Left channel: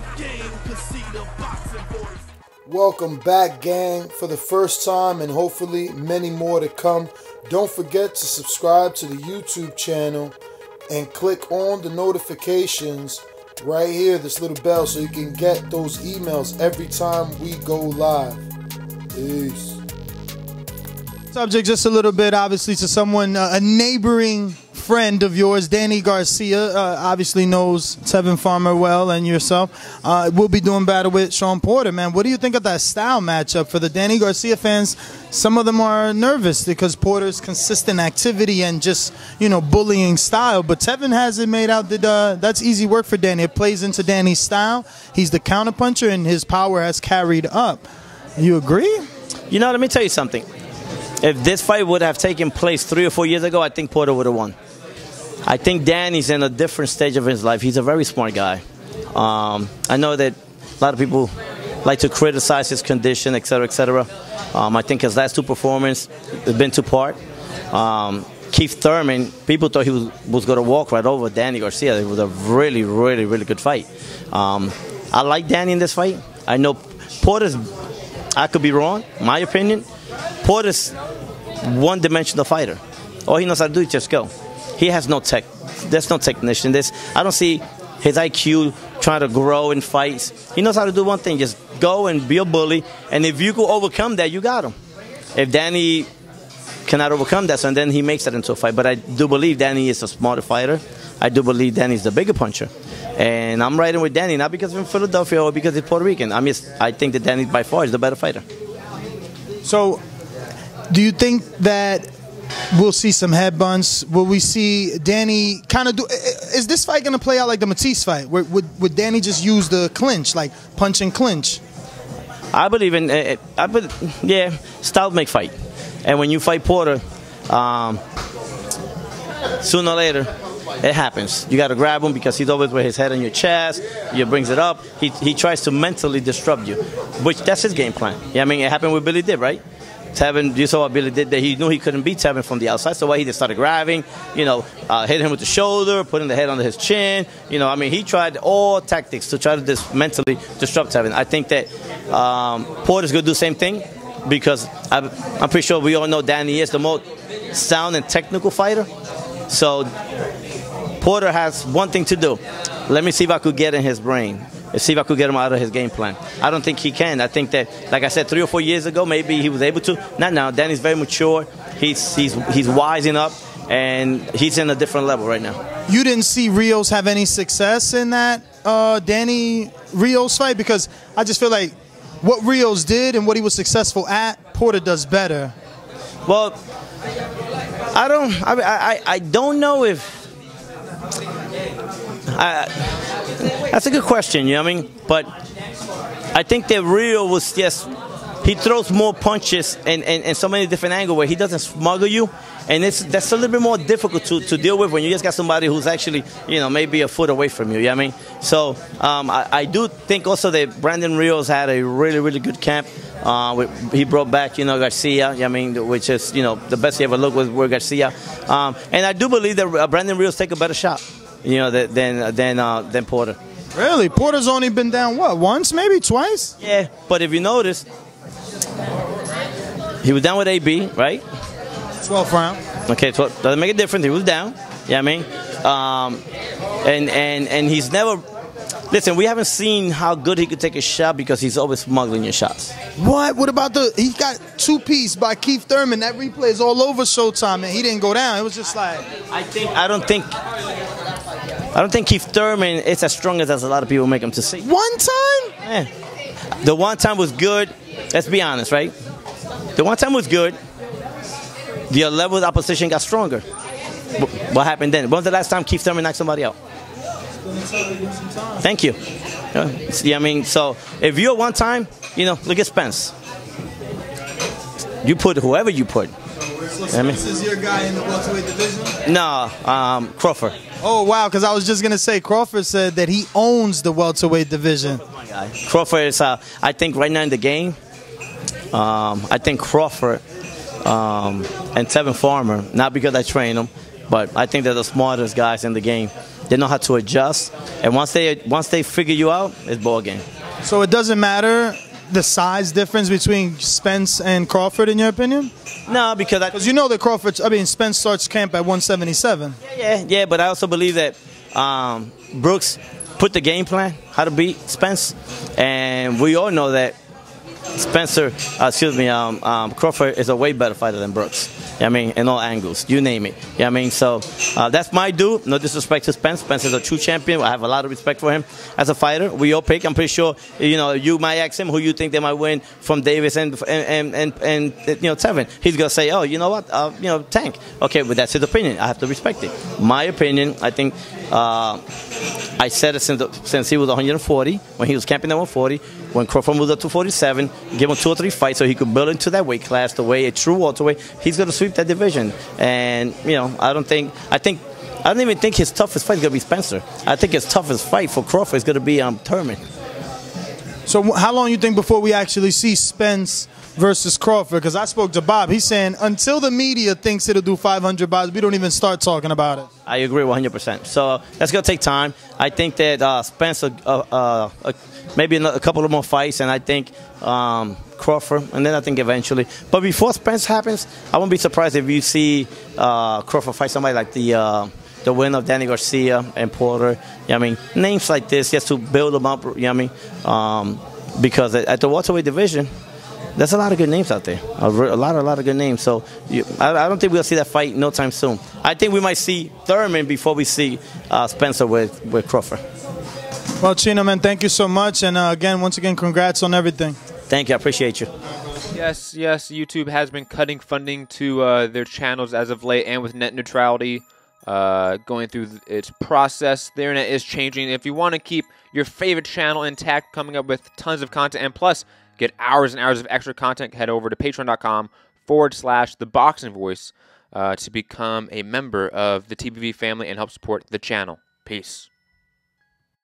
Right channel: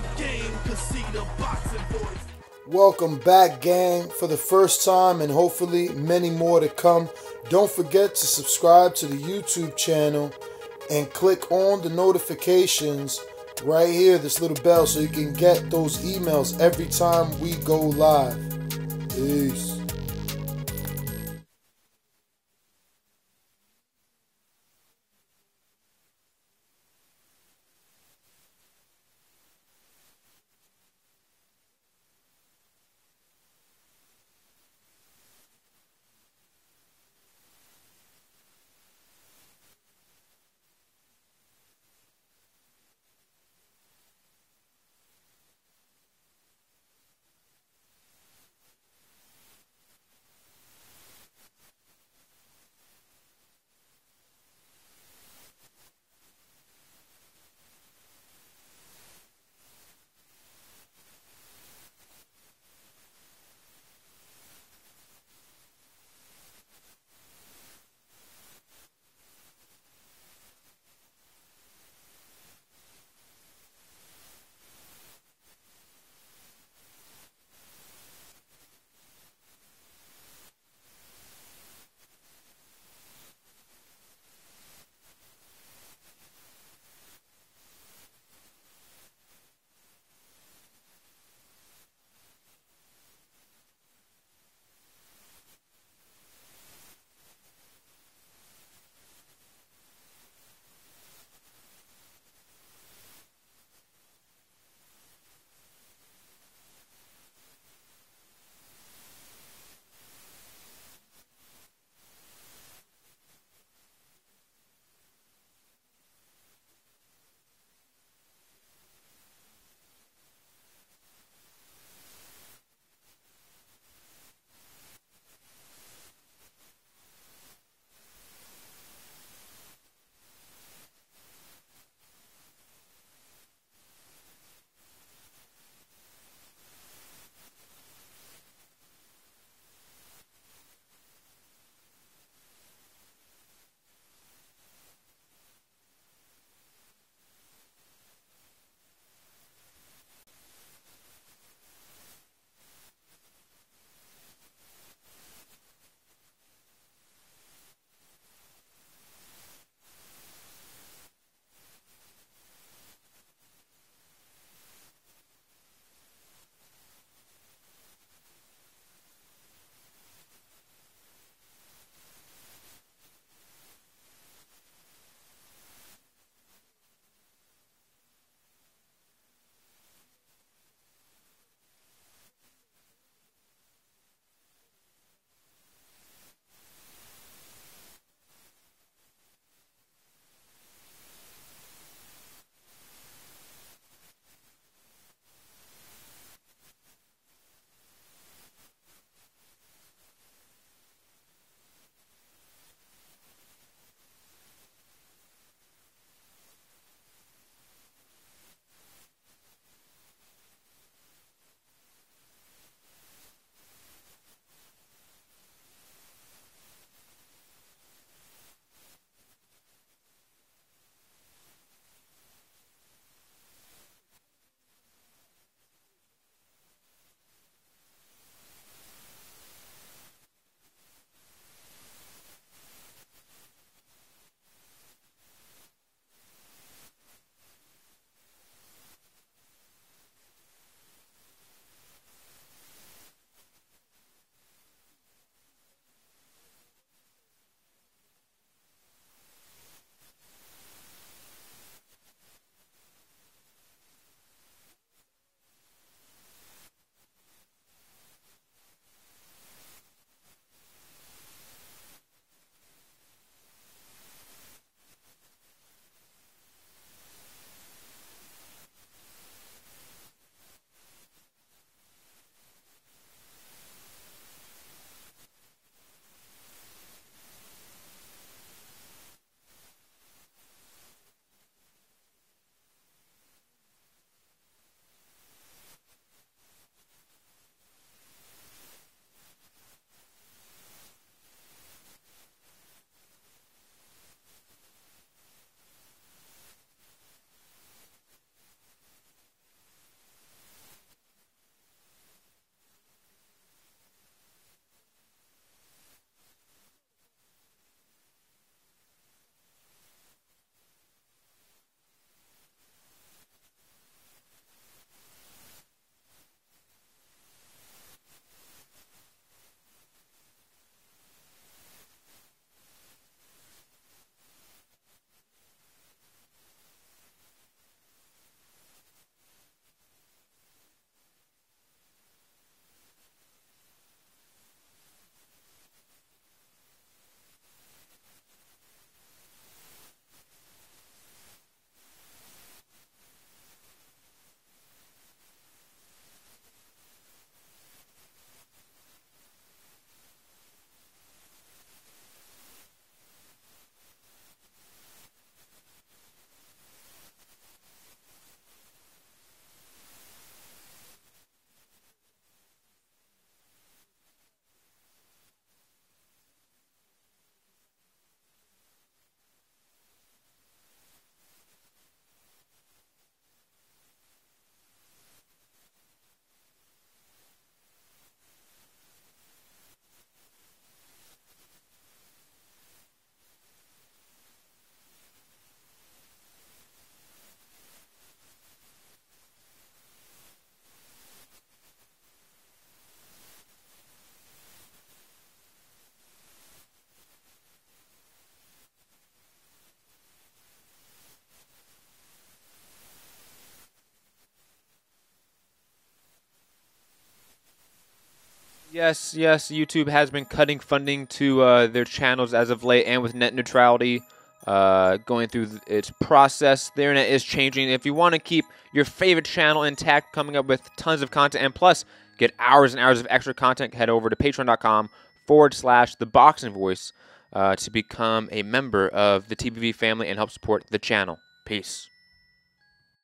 the game, cause see the boxing voice. Welcome back, gang, for the first time and hopefully many more to come. Don't forget to subscribe to the YouTube channel and click on the notifications right here, this little bell, so you can get those emails every time we go live. Peace. Subject just a little bit, obviously, to someone, a neighboring friend of yours, Danny Garcia, obviously knows Tevin Farmer well and yourself. We'll be doing battle with Shawn Porter, man. What do you think of that style matchup for the Danny Garcia fans? Some of them are nervous because Porter's consistent activity and just, you know, bullying style. But Tevin has it made out that that's easy work for Danny. It plays into Danny's style. He's the counterpuncher, and his power has carried up. You agree? You know, let me tell you something. If this fight would have taken place 3 or 4 years ago, I think Porter would have won. I think Danny's in a different stage of his life. He's a very smart guy. I know that a lot of people like to criticize his condition, et cetera, et cetera. I think his last 2 performances have been too part. Keith Thurman, people thought he was going to walk right over Danny Garcia. It was a really, really, really good fight. I like Danny in this fight. I know Porter's, I could be wrong, my opinion. Porter's one-dimensional fighter. All he knows how to do is just go. He has no tech. There's no technician. I don't see his IQ trying to grow in fights. He knows how to do one thing, just go and be a bully. And if you could overcome that, you got him. If Danny cannot overcome that, so then he makes that into a fight. But I do believe Danny is a smarter fighter. I do believe Danny's the bigger puncher. And I'm riding with Danny, not because he's from Philadelphia or because he's Puerto Rican. I think that Danny by far is the better fighter. So, do you think that we'll see some head bunts? Will we see Danny kind of do? Is this fight going to play out like the Matisse fight? Would Danny just use the clinch, like punch and clinch? I believe in, yeah, style make fight. And when you fight Porter, sooner or later, it happens. You got to grab him because he's always with his head on your chest. He brings it up. He tries to mentally disrupt you, which that's his game plan. Yeah, I mean, it happened with Billy Dib, right? Tevin, you saw what Billy did there. He knew he couldn't beat Tevin from the outside, so why he just started grabbing, you know, hitting him with the shoulder, putting the head under his chin. You know, I mean, he tried all tactics to try to mentally disrupt Tevin. I think that Porter's going to do the same thing because I'm pretty sure we all know Danny is the most sound and technical fighter. So Porter has one thing to do. Let me see if I could get in his brain. Let's see if I could get him out of his game plan. I don't think he can. I think that, like I said, 3 or 4 years ago, maybe he was able to. Not now. Danny's very mature. He's wising up, and he's in a different level right now. You didn't see Rios have any success in that Danny Rios fight? Because I just feel like what Rios did and what he was successful at, Porter does better. Well, I don't know if. That's a good question, you know what I mean? But I think that Rio was just, he throws more punches and so many different angles where he doesn't smuggle you. And that's a little bit more difficult to deal with when you just got somebody who's actually, you know, maybe a foot away from you, you know what I mean? So I do think also that Brandon Rios had a really, really good camp. He brought back, you know, Garcia, you know what I mean, which is, you know, the best he ever looked with Garcia. And I do believe that Brandon Rios take a better shot, you know, than Porter. Really? Porter's only been down, what, once, maybe twice? Yeah, but if you notice, he was down with AB, right? 12th round. Okay, so doesn't make a difference. He was down, you know what I mean? And he's never, listen, we haven't seen how good he could take a shot because he's always smuggling your shots. What? What about he got 2-piece by Keith Thurman. That replay is all over Showtime, and he didn't go down. It was just like. I don't think Keith Thurman is as strong as a lot of people make him to see. One time? Yeah. The one time was good. Let's be honest, right? The one time was good. The level of opposition got stronger. What happened then? When was the last time Keith Thurman knocked somebody out? Thank you. Yeah, I mean, so if you're one time, you know, look at Spence. You put whoever you put. So Spence is your guy in the welterweight division? No, Crawford. Oh, wow, because I was just going to say Crawford said that he owns the welterweight division. My guy. Crawford is, I think right now in the game, I think Crawford and Tevin Farmer, not because I train them, but I think they're the smartest guys in the game. They know how to adjust. And once they figure you out, it's ball game. So it doesn't matter the size difference between Spence and Crawford, in your opinion? No, because you know that Spence starts camp at 177. Yeah, but I also believe that Brooks put the game plan, how to beat Spence, and we all know that Crawford is a way better fighter than Brooks. I mean, in all angles, you name it. I mean, so that's my dude. No disrespect to Spence. Spence is a true champion. I have a lot of respect for him as a fighter. We all pick. I'm pretty sure, you might ask him who you think they might win from Davis and Tevin. He's gonna say, oh, you know what, Tank. Okay, but that's his opinion. I have to respect it. My opinion, I think. I said it since he was 140, when he was camping at 140, when Crawford moved up to 47, give him 2 or 3 fights so he could build into that weight class the way a true welterweight. He's going to sweep that division. And, I don't even think his toughest fight is going to be Spencer. I think his toughest fight for Crawford is going to be Thurman. So how long you think before we actually see Spence versus Crawford? Because I spoke to Bob. He's saying until the media thinks it'll do 500 buys, we don't even start talking about it. I agree 100%. So that's going to take time. I think that Spence, maybe a couple of more fights, and I think Crawford, and then I think eventually. But before Spence happens, I won't be surprised if you see Crawford fight somebody like the winner of Danny Garcia and Porter. Names like this just to build them up. Because at the welterweight division, there's a lot of good names out there. A lot of good names. So I don't think we'll see that fight no time soon. I think we might see Thurman before we see Spencer with Crawford. Well, Chino, man, thank you so much. And once again, congrats on everything. Thank you. I appreciate you. Yes, YouTube has been cutting funding to their channels as of late, and with net neutrality going through its process, the internet is changing. If you want to keep your favorite channel intact, coming up with tons of content, and plus get hours and hours of extra content, head over to patreon.com/ThaBoxingVoice to become a member of the TBV family and help support the channel. Peace.